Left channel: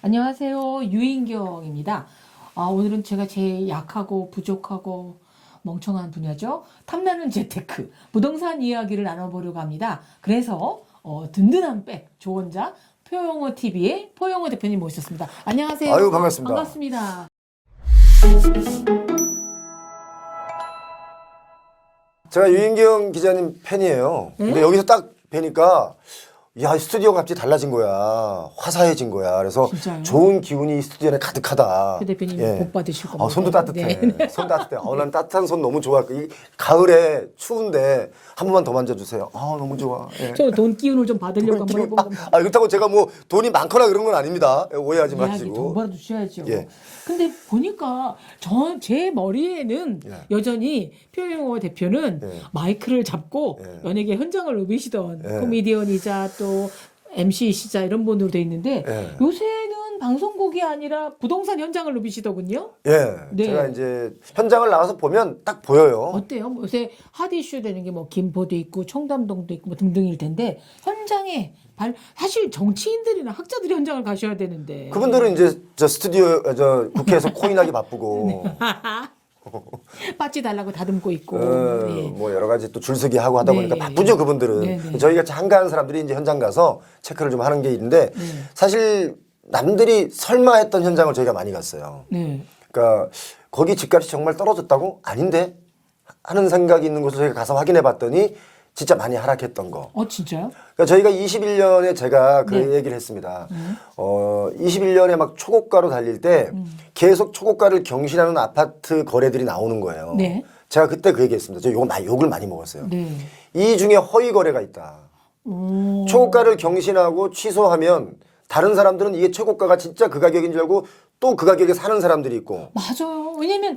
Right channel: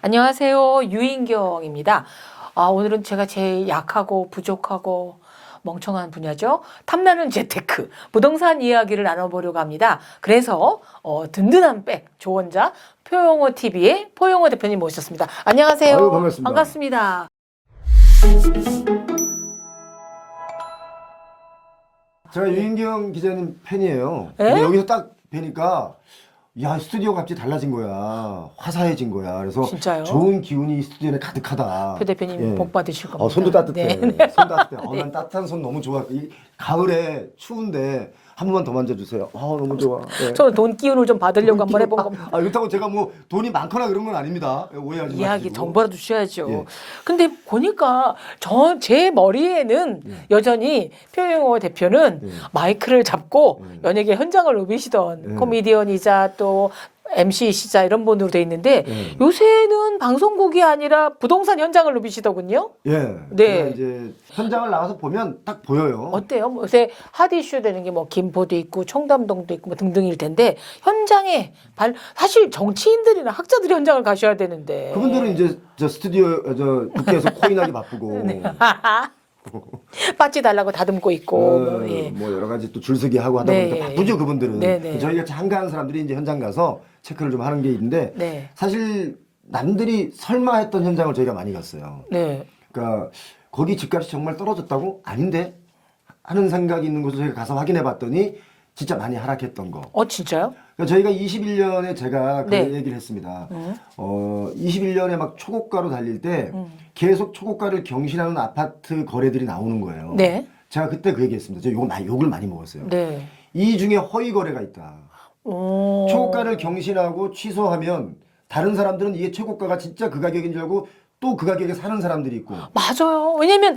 안녕하세요. 유인경입니다. 오늘은 제가 제일 약하고 부족하고 멍청한 분야죠. 탐나는 재테크, 부동산 이야기를 나눠보려고 합니다. 그래서 든든한 백 조언자 표용어TV의 포용어 대표님 모셨습니다. 안녕하세요. 아유, 반갑습니다. 반갑습니다. 제가 유인경 기자님 팬이에요. 에? 근데 여기서 딱 뵈니까 야, 스튜디오가 갑자기 달라진 거야. 화사해진 거야. 그래서 진짜요? 좋은 기운이 스튜디오 안에 가득하다. 표 대표님 예. 복 받으실 겁니다. 손도 따뜻해. 네. 손 따뜻해. 난 따뜻한 손 너무 좋아. 이 가을에 추운데 한 번만 더 만져주세요. 너무 좋아. 예. 저는 돈 기운을 좀 받으려고 한번 해본 겁니다. 그렇다고 제가 뭐 돈이 많거나 그런 건 아닙니다. 오해하지 마시고. 이야기 돈 벌어 주셔야죠. 예. 근데 보니까 제 머리에는 여전히 표용어 대표는 마이크를 잡고 연예계 현장을 누비시던 코미디언이자 또 MC이시자 이런 분으로 돼 있는데 요새는 방송국이 아니라 부동산 현장을 누비시더군요. 예. 네. 제가 이제 현장을 나가서 보면 딱 보여요. 어때요? 요새 핫 이슈 되는 게 뭐 김포도 있고 청담동도 있고 뭐 등등일 텐데 현장에 사실 정치인들이나 학자들이 현장을 가셔야 되는데 그분들은 이제 국회에서 코인하기 바쁘고 빠지 달라고 다듬고 있고 뭐 여러 가지 또 줄서기 하고 하다 보니까 네. 바쁘죠 그분들은. 네. 저희 같이 한가한 사람들이 이제 현장 가서 체크를 좀 하는 게 있는데 네. 사실 남들이 설마 했던 현장을 저희가 많이 갔어요. 네. 그러니까 거기 집값이 정말 떨어졌다고? 아닌데? 하는 생각이 있는 곳을 저희가 가서 확인해 봤더니 진짜 많이 하락했던 거. 진짜요? 그러니까 저희가 21년에 제가 그 네. 얘기를 했습니다. 21년에 막 초고가로 달릴 때 계속 초고가를 경신하는 아파트 거래들이 나오는 거예요. 네. 제가 그때 그 얘기했습니다. 저 욕을 많이 먹었어요. 네. 이 중에 허위 거래가 있다. 초고가를 경신하고 취소하면 다른 사람들은 이게 최고가가 진짜 그 가격인 줄 알고 또 그 가격에 사는 사람들이 있고. 맞아요. 왜냐면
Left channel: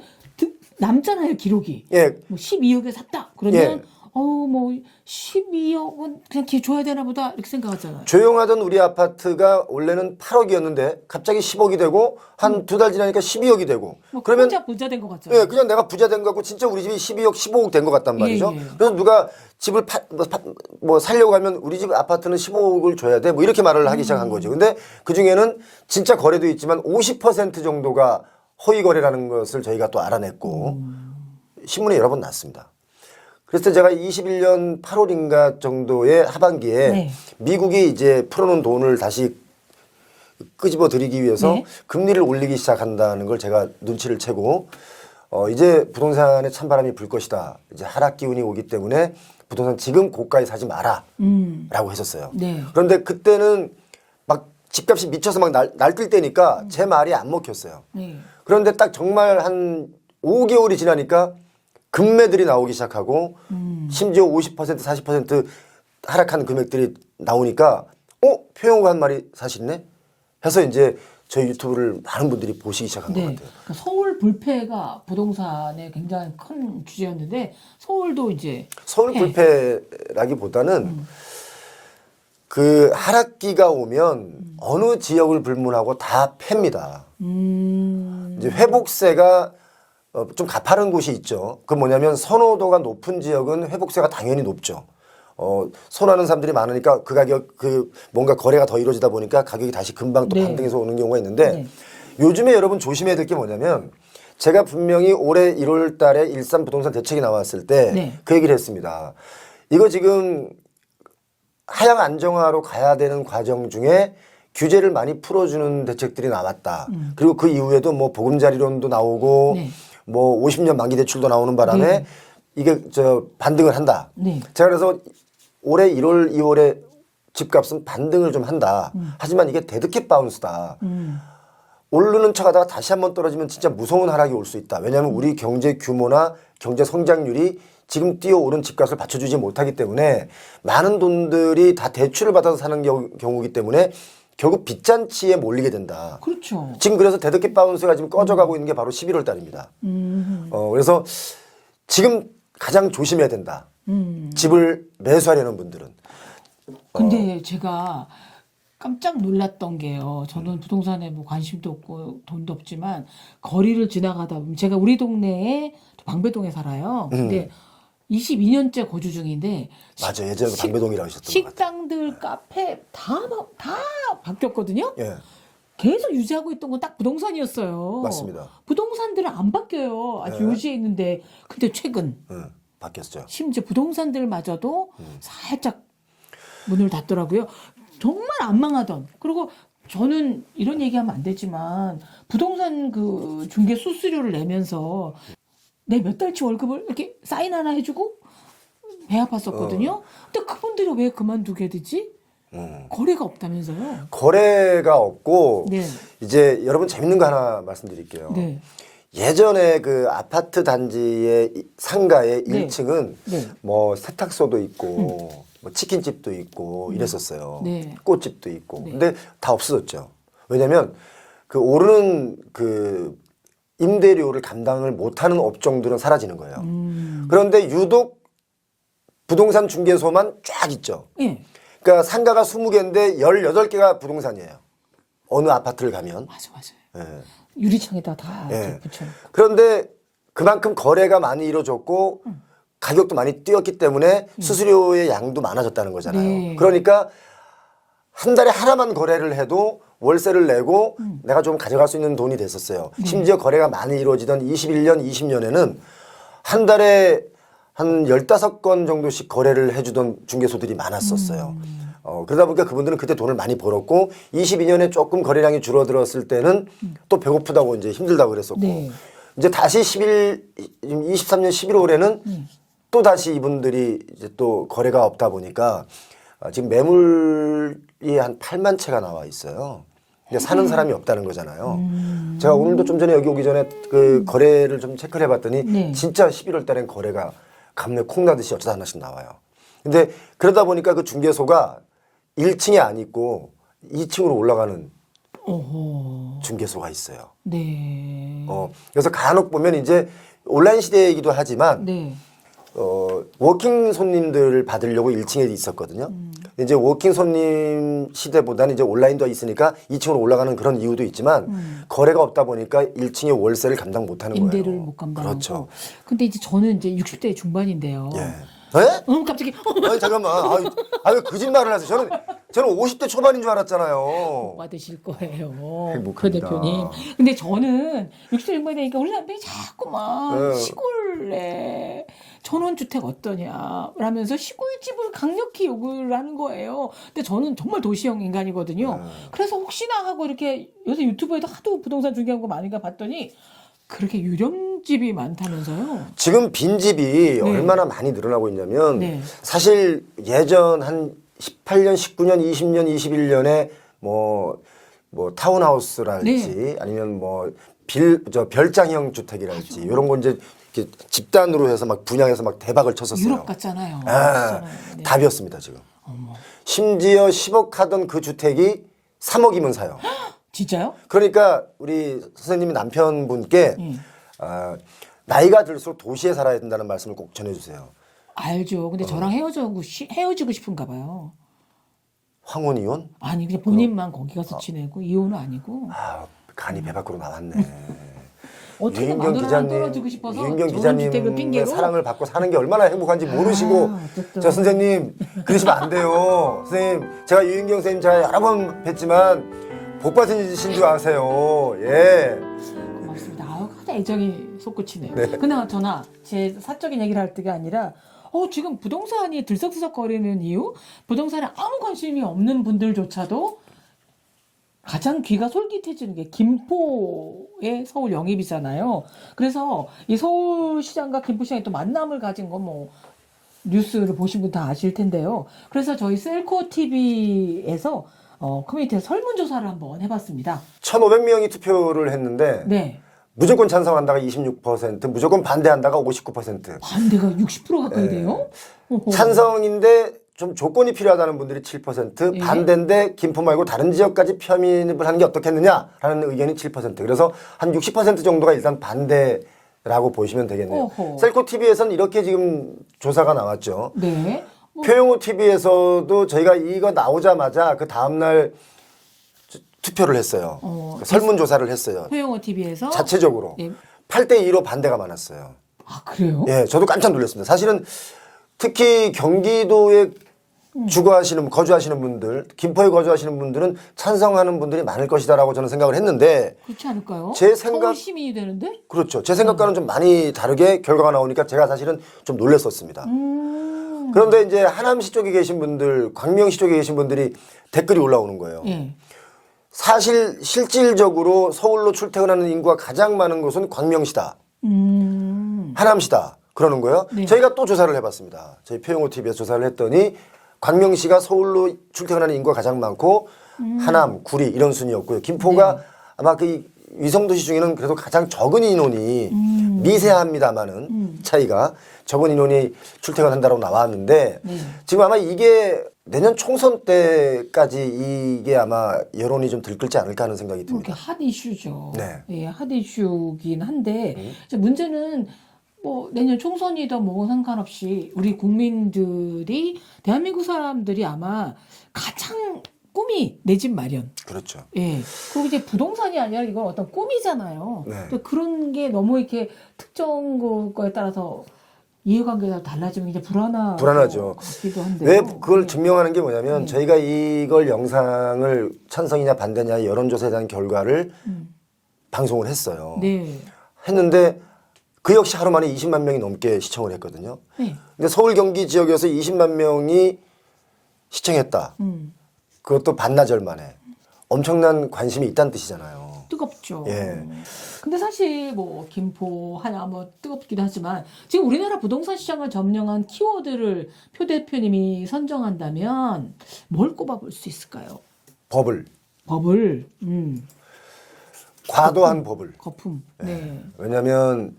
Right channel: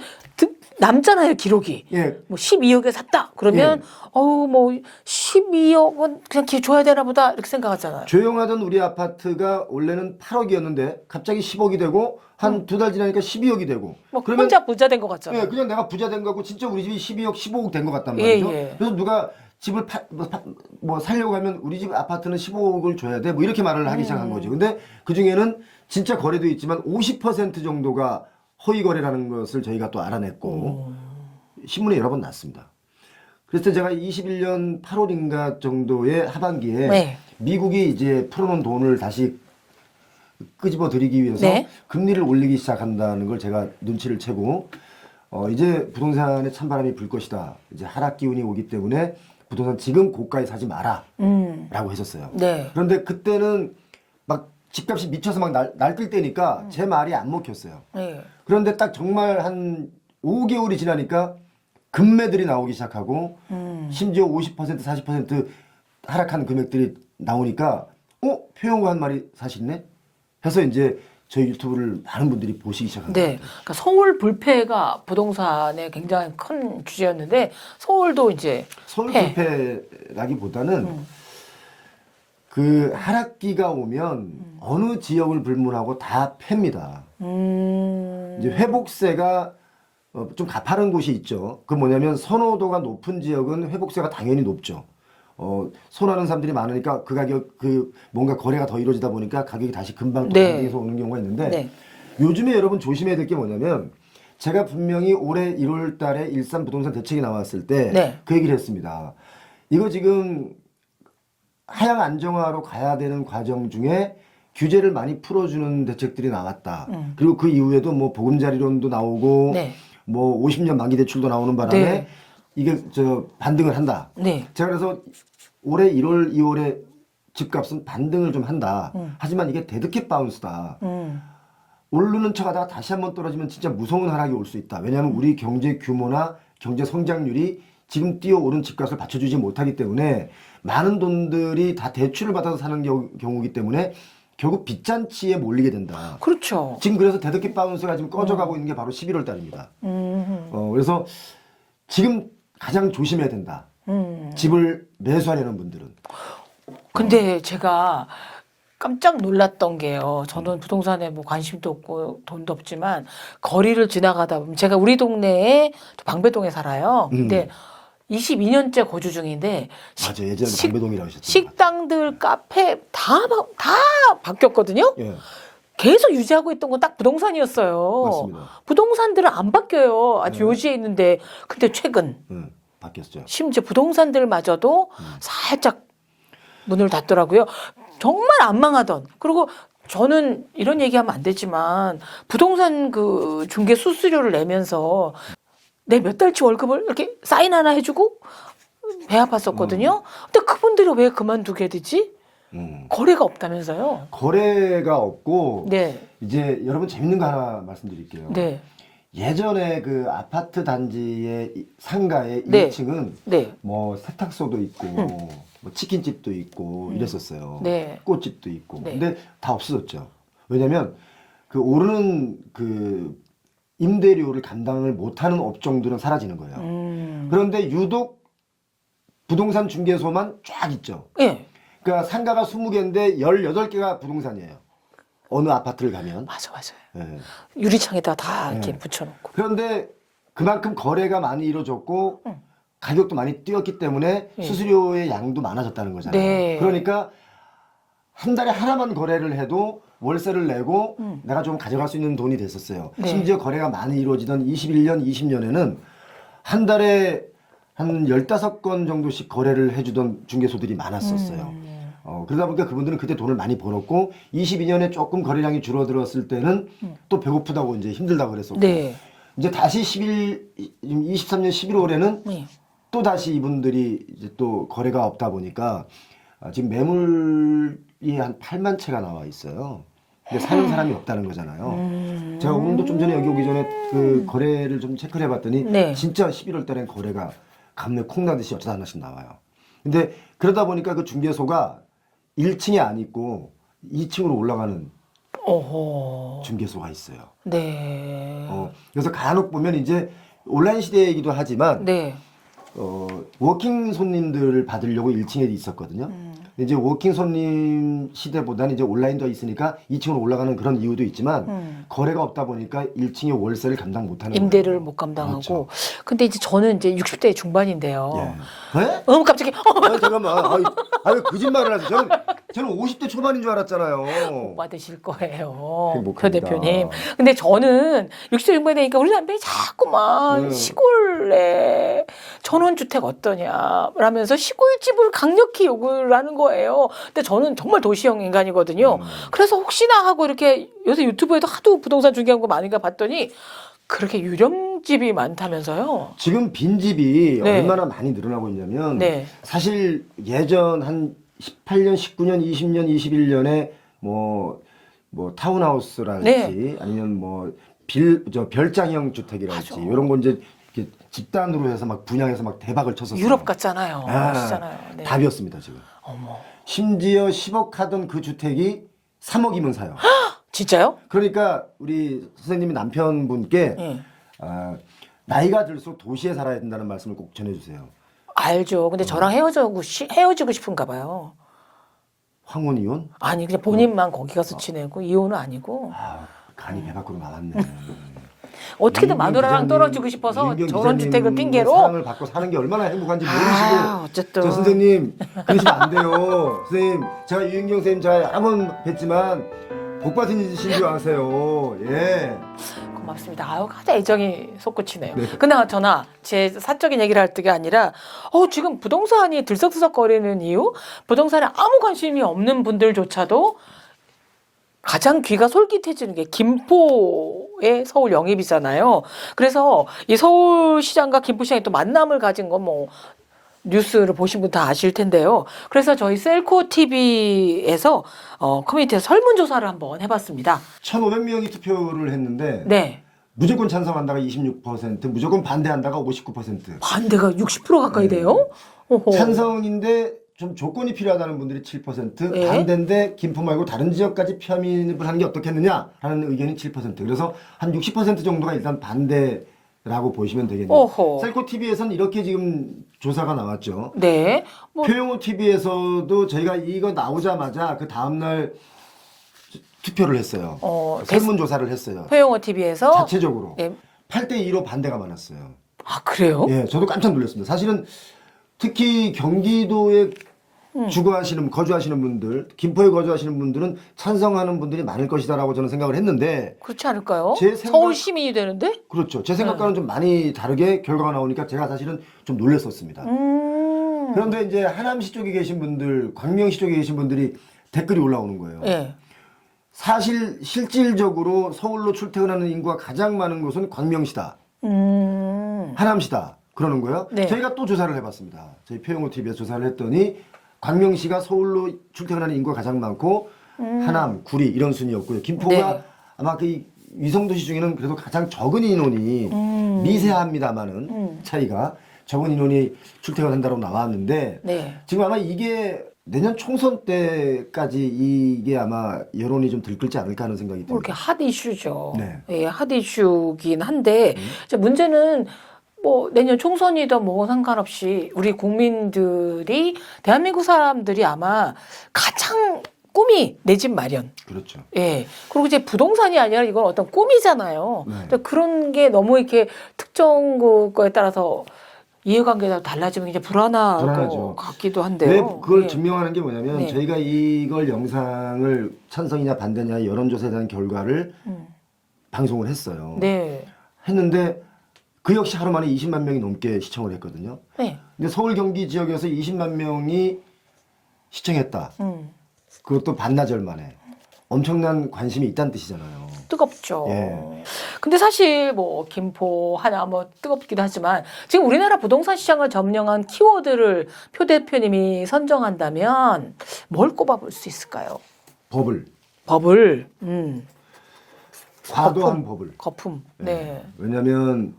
남잖아요, 기록이. 예. 뭐 12억에 샀다. 그러면 뭐 12억은 그냥 줘야 되나 보다 이렇게 생각하잖아요. 조용하던 우리 아파트가 원래는 8억이었는데 갑자기 10억이 되고 한 두 달 지나니까 12억이 되고. 뭐 혼자 부자 된 것 같잖아요. 예, 그냥 내가 부자 된 거 같고 진짜 우리 집이 12억, 15억 된 것 같단 말이죠. 예. 그래서 누가 집을 살려고 하면 우리 집 아파트는 15억을 줘야 돼. 뭐 이렇게 말을 하기 시작한 거죠. 근데 그 중에는 진짜 거래도 있지만 50% 정도가 허위 거래라는 것을 저희가 또 알아냈고 신문에 여러 번 났습니다. 그래서 제가 21년 8월인가 정도의 하반기에 미국이 이제 풀어놓은 돈을 다시 끄집어 들이기 위해서 금리를 올리기 시작한다는 걸 제가 눈치를 채고 이제 부동산에 찬바람이 불 것이다. 이제 하락 기운이 오기 때문에 부동산 지금 고가에 사지 마라 라고 했었어요. 네. 그런데 그때는 막 집값이 미쳐서 막 날뛸 때니까 제 말이 안 먹혔어요. 그런데 딱 정말 한 5개월이 지나니까 금매들이 나오기 시작하고 심지어 50% 40% 하락한 금액들이 나오니까 표용어 한 말이 사실네? 해서 이제 저희 유튜브를 많은 분들이 보시기 시작한 것 같아요. 그러니까 서울 불패가 부동산의 굉장히 큰 주제였는데 서울도 이제 서울 불패라기보다는 그 하락기가 오면 어느 지역을 불문하고 다 팹니다. 이제 회복세가 좀 가파른 곳이 있죠. 그 뭐냐면 선호도가 높은 지역은 회복세가 당연히 높죠. 선호하는 사람들이 많으니까 뭔가 거래가 더 이루어지다 보니까 가격이 다시 금방 또 반등해서 오는 경우가 있는데 요즘에 여러분 조심해야 될 게 뭐냐면 제가 분명히 올해 1월 달에 일산 부동산 대책이 나왔을 때 그 얘기를 했습니다. 이거 지금 하향 안정화로 가야 되는 과정 중에 규제를 많이 풀어주는 대책들이 나왔다. 그리고 그 이후에도 뭐 보금자리론도 나오고 뭐 50년 만기 대출도 나오는 바람에 이게 반등을 한다. 제가 그래서 올해 1월, 2월에 집값은 반등을 좀 한다. 하지만 이게 데드캣 바운스다. 오르는 척하다가 다시 한번 떨어지면 진짜 무서운 하락이 올 수 있다. 왜냐하면 우리 경제 규모나 경제 성장률이 지금 뛰어오른 집값을 받쳐주지 못하기 때문에 많은 돈들이 다 대출을 받아서 사는 경우이기 때문에 결국 빚잔치에 몰리게 된다. 그렇죠. 지금 그래서 데드캣 바운스가 지금 꺼져가고 있는 게 바로 11월 달입니다. 그래서 지금 가장 조심해야 된다. 집을 매수하려는 분들은. 근데 제가 깜짝 놀랐던 게요. 저는 부동산에 뭐 관심도 없고 돈도 없지만 거리를 지나가다 보면 제가 우리 동네에 방배동에 살아요. 근데 22년째 거주 중인데 맞아, 예전에 방배동이라고 하셨던 것 같아요. 식당들, 카페 다 바뀌었거든요. 계속 유지하고 있던 건 딱 부동산이었어요. 맞습니다. 부동산들은 안 바뀌어요. 아주 요지에 있는데. 근데 최근 바뀌었죠. 심지어 부동산들마저도 살짝 문을 닫더라고요. 정말 안 망하던. 그리고 저는 이런 얘기하면 안 되지만 부동산 그 중개 수수료를 내면서 내 몇 달치 월급을 이렇게 사인 하나 해주고 배 아팠었거든요. 근데 그분들이 왜 그만두게 되지? 거래가 없다면서요? 거래가 없고 네. 이제 여러분 재밌는 거 하나 말씀드릴게요. 네. 예전에 그 아파트 단지의 상가의 네. 1층은 네. 뭐 세탁소도 있고 뭐 치킨집도 있고 이랬었어요. 네. 꽃집도 있고. 네. 근데 다 없어졌죠. 왜냐면 그 오르는 그 임대료를 감당을 못하는 업종들은 사라지는 거예요. 그런데 유독 부동산 중개소만 쫙 있죠. 예. 그러니까 상가가 20개인데 18개가 부동산이에요. 어느 아파트를 가면. 맞아, 맞아요. 예. 유리창에다 다 이렇게 네. 붙여놓고. 그런데 그만큼 거래가 많이 이루어졌고 가격도 많이 뛰었기 때문에 수수료의 양도 많아졌다는 거잖아요. 네. 그러니까 한 달에 하나만 거래를 해도 월세를 내고 내가 좀 가져갈 수 있는 돈이 됐었어요. 네. 심지어 거래가 많이 이루어지던 21년, 20년에는 한 달에 한 15건 정도씩 거래를 해주던 중개소들이 많았었어요. 그러다 보니까 그분들은 그때 돈을 많이 벌었고 22년에 조금 거래량이 줄어들었을 때는 또 배고프다고 이제 힘들다고 그랬었고 네. 이제 다시 23년 11월에는 네. 또 다시 이분들이 이제 또 거래가 없다 보니까 지금 매물이 한 8만 채가 나와 있어요. 근데 사는 사람이 없다는 거잖아요. 제가 오늘도 좀 전에 여기 오기 전에 그 거래를 좀 체크를 해봤더니 네. 진짜 11월 달엔 거래가 감내 콩 나듯이 어쩌다 하나씩 나와요. 근데 그러다 보니까 그 중개소가 1층에 안 있고 2층으로 올라가는 어허. 중개소가 있어요. 네. 그래서 간혹 보면 이제 온라인 시대이기도 하지만 네. 워킹 손님들을 받으려고 1층에 있었거든요. 이제 워킹 손님 시대보다는 이제 온라인도 있으니까 2층으로 올라가는 그런 이유도 있지만 거래가 없다 보니까 1층의 월세를 감당 못하는 거예요. 임대를 못 감당하고. 그렇죠. 근데 이제 저는 이제 60대 중반인데요. 예. 네? 갑자기 아니, 잠깐만. 왜 거짓말을 하세요? 저는 50대 초반인 줄 알았잖아요. 받으실 거예요. 행복합니다. 그 대표님. 근데 저는 60대 중반이 되니까 우리 남편이 자꾸만 네. 시골에 전원주택 어떠냐 라면서 시골집을 강력히 요구를 하는 거예요. 근데 저는 정말 도시형 인간이거든요. 그래서 혹시나 하고 이렇게 요새 유튜브에도 하도 부동산 중개하는 거 많은가 봤더니 그렇게 유령집이 많다면서요? 지금 빈집이 네. 얼마나 많이 늘어나고 있냐면 네. 사실 예전 한 18년, 19년, 20년, 21년에 뭐 타운하우스랄지 아니면 뭐 별장형 주택이랄지 이런 거 이제 이렇게 집단으로 해서 막 분양해서 막 대박을 쳤었어요. 유럽 같잖아요. 아, 그렇잖아요. 네. 답이었습니다 지금. 어머. 심지어 10억 하던 그 주택이 3억이면 사요. 진짜요? 그러니까 우리 선생님이 남편분께 나이가 들수록 도시에 살아야 된다는 말씀을 꼭 전해주세요. 알죠. 근데 저랑 헤어지고 싶은가 봐요. 황혼 이혼? 아니 그냥 본인만 거기 가서 지내고 이혼은 아니고 간이 배 밖으로 나왔네. 어떻게든 유인경 마누라랑 기자님, 떨어지고 싶어서 유인경 전원주택을 기자님의 핑계로 사랑을 받고 사는 게 얼마나 행복한지 모르시고 어쨌든. 저 선생님 그러시면 안 돼요. 선생님 제가 유인경 선생님 제가 여러 번 뵀지만 복 받으신 줄 아세요. 예. 고맙습니다. 가장 애정이 솟구치네요. 그나저나 제 사적인 얘기를 할 때가 아니라 지금 부동산이 들썩들썩거리는 이유? 부동산에 아무 관심이 없는 분들조차도 가장 귀가 솔깃해지는 게 김포의 서울 영입이잖아요. 그래서 이 서울시장과 김포시장이 또 만남을 가진 건 뭐 뉴스를 보신 분 다 아실 텐데요. 그래서 저희 셀코 TV에서 커뮤니티에서 설문조사를 한번 해봤습니다. 1,500명이 투표를 했는데 네. 무조건 찬성한다가 26%, 무조건 반대한다가 59%. 반대가 60% 가까이 돼요? 어허. 찬성인데 좀 조건이 필요하다는 분들이 7%, 예. 반대인데 김포 말고 다른 지역까지 편입을 하는 게 어떻겠느냐라는 의견이 7%. 그래서 한 60% 정도가 일단 반대라고 보시면 되겠네요. 어허. 셀코 TV에서는 이렇게 지금 조사가 나왔죠. 네. 표영호 TV에서도 저희가 이거 나오자마자 그 다음날 투표를 했어요. 설문조사를 했어요. 표영호 TV에서 자체적으로. 예. 8대2로 반대가 많았어요. 그래요? 예, 저도 깜짝 놀랐습니다. 사실은 특히 경기도의 거주하시는 분들, 김포에 거주하시는 분들은 찬성하는 분들이 많을 것이다라고 저는 생각을 했는데 그렇지 않을까요? 제 생각- 서울 시민이 되는데? 그렇죠. 제 생각과는 좀 많이 다르게 결과가 나오니까 제가 사실은 좀 놀랐었습니다. 그런데 이제 하남시 쪽에 계신 분들, 광명시 쪽에 계신 분들이 댓글이 올라오는 거예요. 예. 사실 실질적으로 서울로 출퇴근하는 인구가 가장 많은 곳은 광명시다. 하남시다. 그러는 거예요. 네. 저희가 또 조사를 해봤습니다. 저희 표영호 TV에서 조사를 했더니 광명시가 서울로 출퇴근하는 인구가 가장 많고 하남, 구리 이런 순이었고요. 김포가 네. 아마 그 위성도시 중에는 그래도 가장 적은 인원이 미세합니다만은 차이가 적은 인원이 출퇴근한다고 나왔는데 네. 지금 아마 이게 내년 총선 때까지 이게 아마 여론이 좀 들끓지 않을까 하는 생각이 뭐 이렇게 듭니다. 핫 이슈죠. 네. 예, 핫 이슈긴 한데 이제 문제는 뭐 내년 총선이든 뭐 상관없이 우리 국민들이 대한민국 사람들이 아마 가장 꿈이 내 집 마련. 그렇죠. 예. 그리고 이제 부동산이 아니라 이건 어떤 꿈이잖아요. 네. 근데 그런 게 너무 이렇게 특정 그거에 따라서 이해관계가 달라지면 이제 불안할 불안하죠. 것 같기도 한데요. 왜 그걸 예. 증명하는 게 뭐냐면 네. 저희가 이걸 영상을 찬성이냐 반대냐 여론조사에 대한 결과를 방송을 했어요. 네. 했는데 그 역시 하루 만에 20만 명이 넘게 시청을 했거든요. 네. 근데 서울 경기 지역에서 20만 명이 시청했다. 그것도 반나절 만에. 엄청난 관심이 있다는 뜻이잖아요. 뜨겁죠. 예. 근데 사실 뭐 김포, 하나 뭐 뜨겁기도 하지만 지금 우리나라 부동산 시장을 점령한 키워드를 표 대표님이 선정한다면 뭘 꼽아볼 수 있을까요? 법을. 법을, 과도한 법을. 거품. 네. 왜냐하면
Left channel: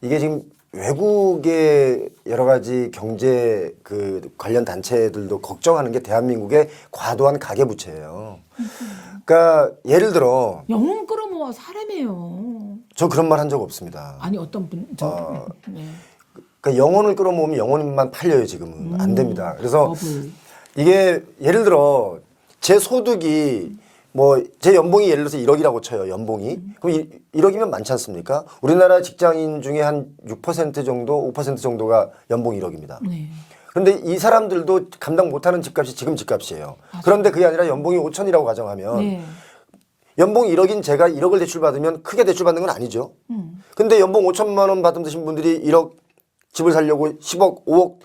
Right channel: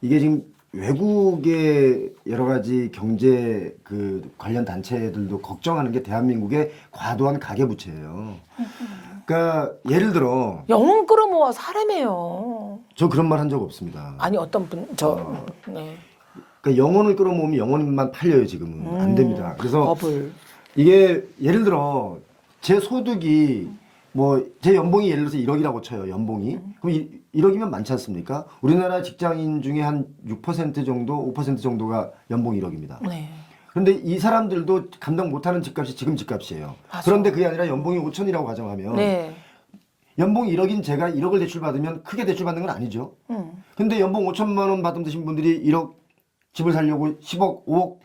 이게 지금 외국의 여러 가지 경제 그 관련 단체들도 걱정하는 게 대한민국의 과도한 가계부채예요. 그러니까 예를 들어 영혼 끌어모아 사람이에요. 저 그런 말 한 적 없습니다. 아니 어떤 분, 네. 그러니까 영혼을 끌어모으면 영혼만 팔려요 지금은 안 됩니다. 그래서 법을. 이게 예를 들어 제 소득이 뭐 제 연봉이 예를 들어서 1억이라고 쳐요. 연봉이. 그럼 1억이면 많지 않습니까? 우리나라 직장인 중에 한 6% 정도, 5% 정도가 연봉 1억입니다. 네. 그런데 이 사람들도 감당 못하는 집값이 지금 집값이에요. 그런데 그게 아니라 연봉이 5천이라고 가정하면 네. 연봉 1억인 제가 1억을 대출받으면 크게 대출받는 건 아니죠. 근데 연봉 5천만 원 받으신 분들이 1억 집을 살려고 10억, 5억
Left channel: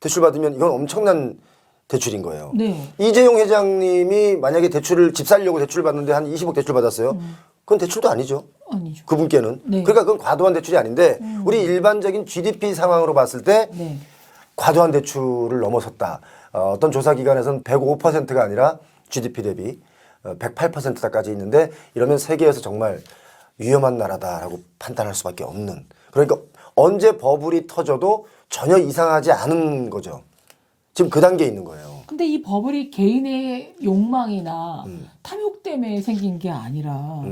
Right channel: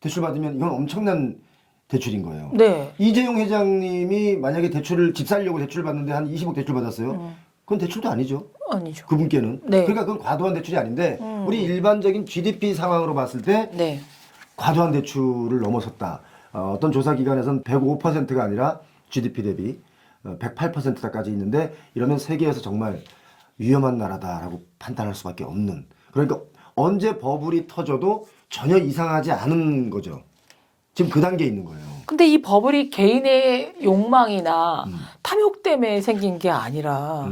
대출받으면 이건 엄청난 대출인 거예요. 네. 이재용 회장님이 만약에 집 살려고 대출을 받는데 한 20억 대출 받았어요. 그건 대출도 아니죠. 아니죠. 그분께는. 네. 그러니까 그건 과도한 대출이 아닌데 우리 일반적인 GDP 상황으로 봤을 때 네. 과도한 대출을 넘어섰다. 어떤 조사 기관에서는 105%가 아니라 GDP 대비 108%까지 있는데 이러면 세계에서 정말 위험한 나라다라고 판단할 수밖에 없는. 그러니까 언제 버블이 터져도 전혀 이상하지 않은 거죠. 지금 그 단계에 있는 거예요. 근데 이 버블이 개인의 욕망이나 탐욕 때문에 생긴 게 아니라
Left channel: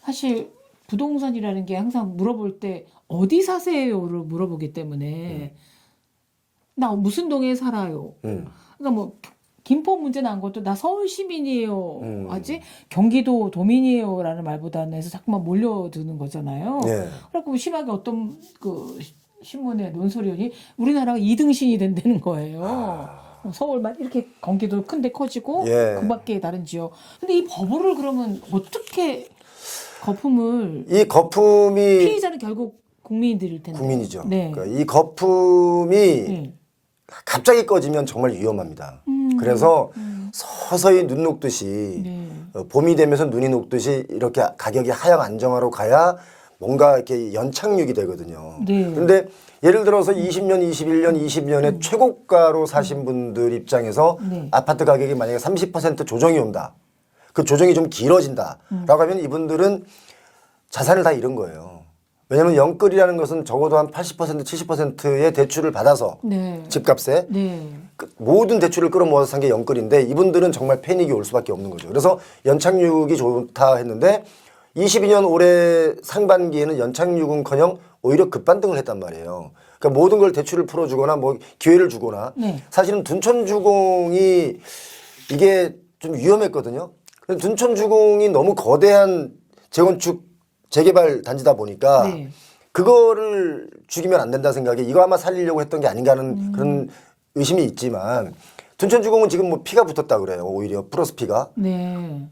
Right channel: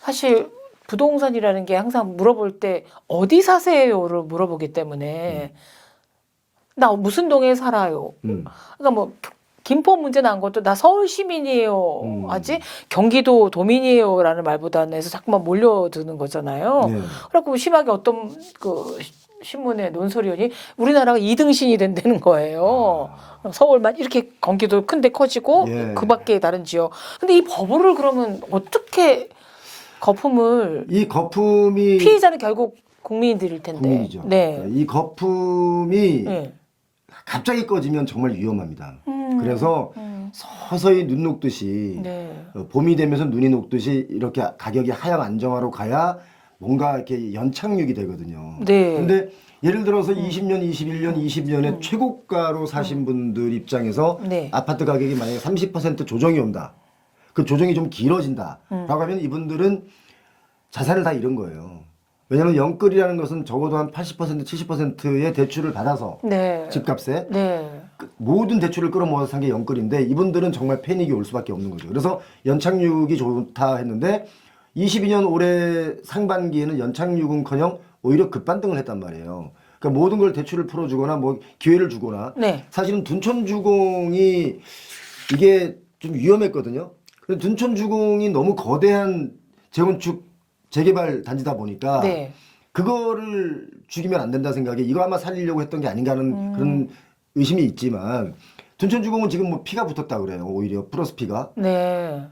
사실 부동산이라는 게 항상 물어볼 때 어디 사세요를 물어보기 때문에 나 무슨 동에 살아요. 그러니까 뭐 김포 문제 난 것도 나 서울 시민이에요 하지 경기도 도민이에요라는 말보다는 해서 자꾸만 몰려드는 거잖아요. 네. 그래갖고 심하게 어떤 그 신문에 논설위원이 우리나라가 2등신이 된다는 거예요. 서울만 이렇게 경기도 큰데 커지고 예. 그 밖에 다른 지역. 근데 이 버블을 그러면 어떻게 거품을 이 거품이 피해자는 결국 국민들일 텐데. 국민이죠. 네. 그러니까 이 거품이 네. 갑자기 꺼지면 정말 위험합니다. 그래서 서서히 눈 녹듯이 네. 봄이 되면서 눈이 녹듯이 이렇게 가격이 하향 안정화로 가야 뭔가 이렇게 연착륙이 되거든요. 네. 근데 예를 들어서 20년, 21년, 20년에 최고가로 사신 분들 입장에서 네. 아파트 가격이 만약에 30% 조정이 온다. 그 조정이 좀 길어진다. 라고 하면 이분들은 자산을 다 잃은 거예요. 왜냐하면 영끌이라는 것은 적어도 한 80%, 70%의 대출을 받아서 네. 집값에 네. 모든 대출을 끌어모아서 산 게 영끌인데 이분들은 정말 패닉이 올 수밖에 없는 거죠. 그래서 연착륙이 좋다 했는데 22년 올해 상반기에는 연착륙은커녕 오히려 급반등을 했단 말이에요. 그러니까 모든 걸 대출을 풀어주거나 뭐 기회를 주거나 네. 사실은 둔촌주공이 이게 좀 위험했거든요. 근데 둔촌주공이 너무 거대한 재건축 재개발 단지다 보니까 네. 그거를 죽이면 안 된다 생각에 이거 아마 살리려고 했던 게 아닌가 하는 그런 의심이 있지만 둔천주공은 지금 뭐 피가 붙었다 그래요. 오히려 플러스 피가. 네.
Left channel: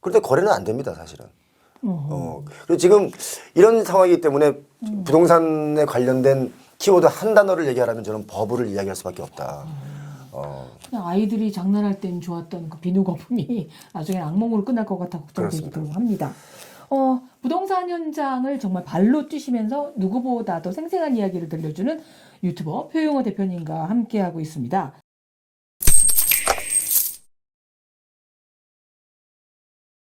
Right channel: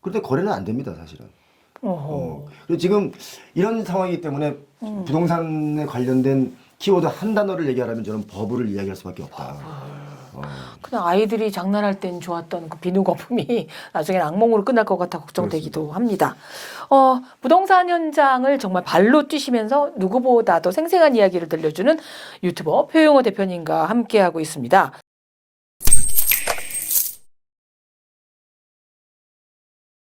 그런데 거래는 안 됩니다, 사실은. 어허. 그리고 지금 이런 상황이기 때문에 부동산에 관련된 키워드 한 단어를 얘기하라면 저는 버블을 이야기할 수밖에 없다. 그냥 아이들이 장난할 땐 좋았던 그 비누 거품이 나중에 악몽으로 끝날 것 같아 걱정되기도 합니다. 부동산 현장을 정말 발로 뛰시면서 누구보다도 생생한 이야기를 들려주는 유튜버 표용호 대표님과 함께하고 있습니다.